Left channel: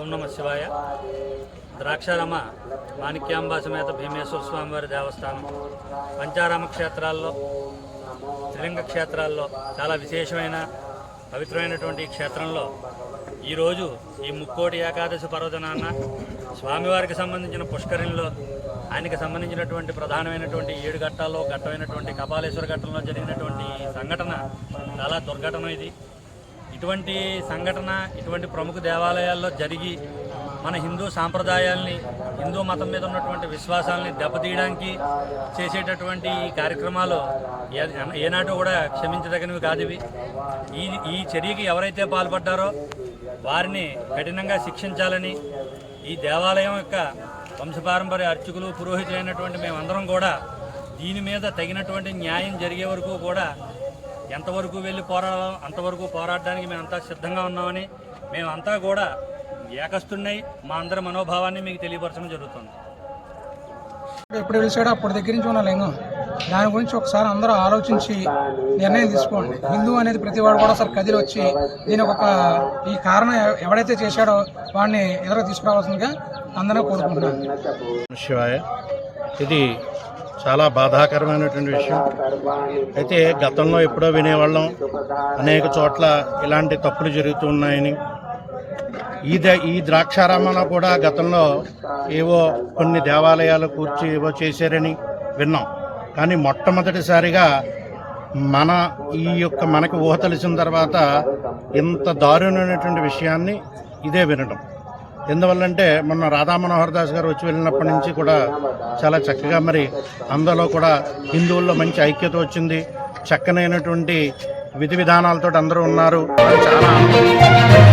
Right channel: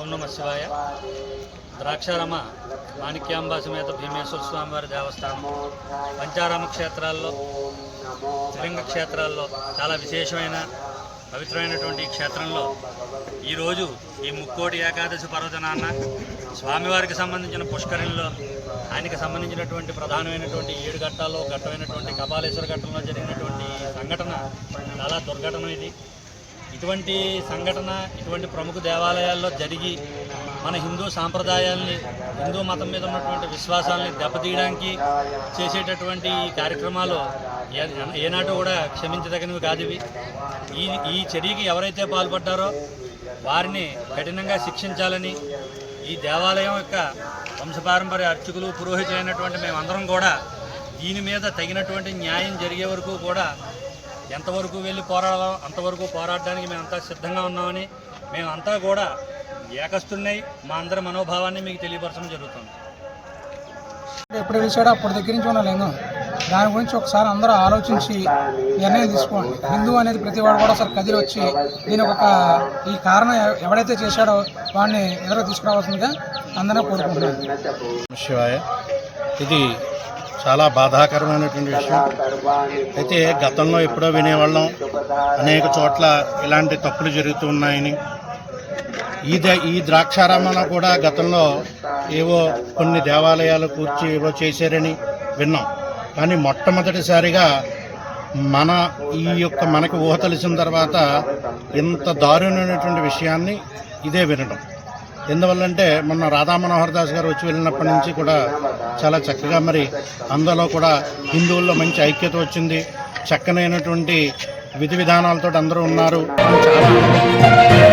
ఓం నమ శివాయ. ద్రాక్షారామ మాణిక్యాంబా సమేత భీమేశ్వర స్వామివారి దేవస్థానం పంచారామ క్షేత్రాల్లో, త్రిలింగ క్షేత్రాల్లో చాలా విశేషమైన పవిత్రమైనటువంటి ఈ క్షేత్రంలో ఈరోజు ఈ ముక్కోటి ఏకాదశి పర్వదినాన స్వామివారికి సంబంధించిన పుష్కరిణిలో ఆయనకి సంబంధించినటువంటి ప్రధానమైనటువంటి 7 ఘట్టాల్లో ఘట్టమైనటువంటి కపాలేశ్వర ఘట్టంలో జరిగినటువంటి సంఘటన చాలా దుర్ఘటన. ఇటువంటి సంఘటన ఇటువంటి ప్రముఖ దేవాలయాల్లో జరిగి మన హిందూ సాంప్రదాయాల్ని, హిందూ మతం మీద ఉన్నటువంటి విశ్వాసాలని దెబ్బతీయడానికి చేసేటటువంటి ఈ కార్యక్రమాలు ఏనాడు కూడా క్షమించదగినవి కాదు. ఈ చర్యకి ఎవరైతే పాల్పడ్డారో వారిని కఠినంగా శిక్షించాలని ఈ దేవాలయం యొక్క వంశపారంపర్య అర్చకులు, పురోహితులు అయినటువంటి మేమందరం కూడా దీని మీద తగినటువంటి న్యాయం జరిగే వరకు కూడా ఎంతవరకు వెళ్ళి పోరాడాలో అంతవరకు పోరాడడానికి మేమంతా సిద్ధంగా ఉన్నామని మేమంతా కూడా ఏకస్తున్నాయి మా అందరి మనోభావాన్ని మీకు తెలియపరచడం జరుగుతుంది. ఎప్పుడు పిలిచాడో అప్పటి దగ్గర నుంచి ఉన్న లింగం, దాని గురించి ఒకసారి అందరూ ఆలోచించి నిర్ణయం తీసుకోండి. హిందూ అనేది ప్రతి వాడు కూడా ఒకసారి కదిలి వచ్చి దీని ఈ కారణం ఎవడైతే చేశాడో వాడిని ఎదురు తీసుకురావాల్సిందిగా అందరూ కోరుకుంటున్నాను. శివాయ. ఇది చాలా బాధాకరమైనటువంటి విషయం. అయితే గతంలో ఎప్పుడో వినేవాళ్ళం అనేక చోట్ల ఇలాంటి తప్పులు జరుగుతూ ఉన్నాయని. ఈ ద్రాక్షారామంలో కూడా గతంలో ఏవో కొన్ని దేవాలయాలు కూర్చి ఏవో చేశారని విన్నాం. కానీ మొట్టమొదటిసారిగా మనకి ఊహ తెలిసిన తర్వాత ఇంత దారుణమైనటువంటి విషయాన్ని ఇదే వినడం. ఎందువల్లంటే మొన్న రాధా మనోహర్ దాస్ గారు వచ్చి వెళ్ళినప్పటి నుంచి కూడా చాలా చక్కగా అందులో కూడా హిందువుల్లో మంచి ఐక్యత వచ్చింది. చక్కనైనటువంటి విధి విధానాలతో అందరూ ఉన్నారు అని చాలా ఆనందం.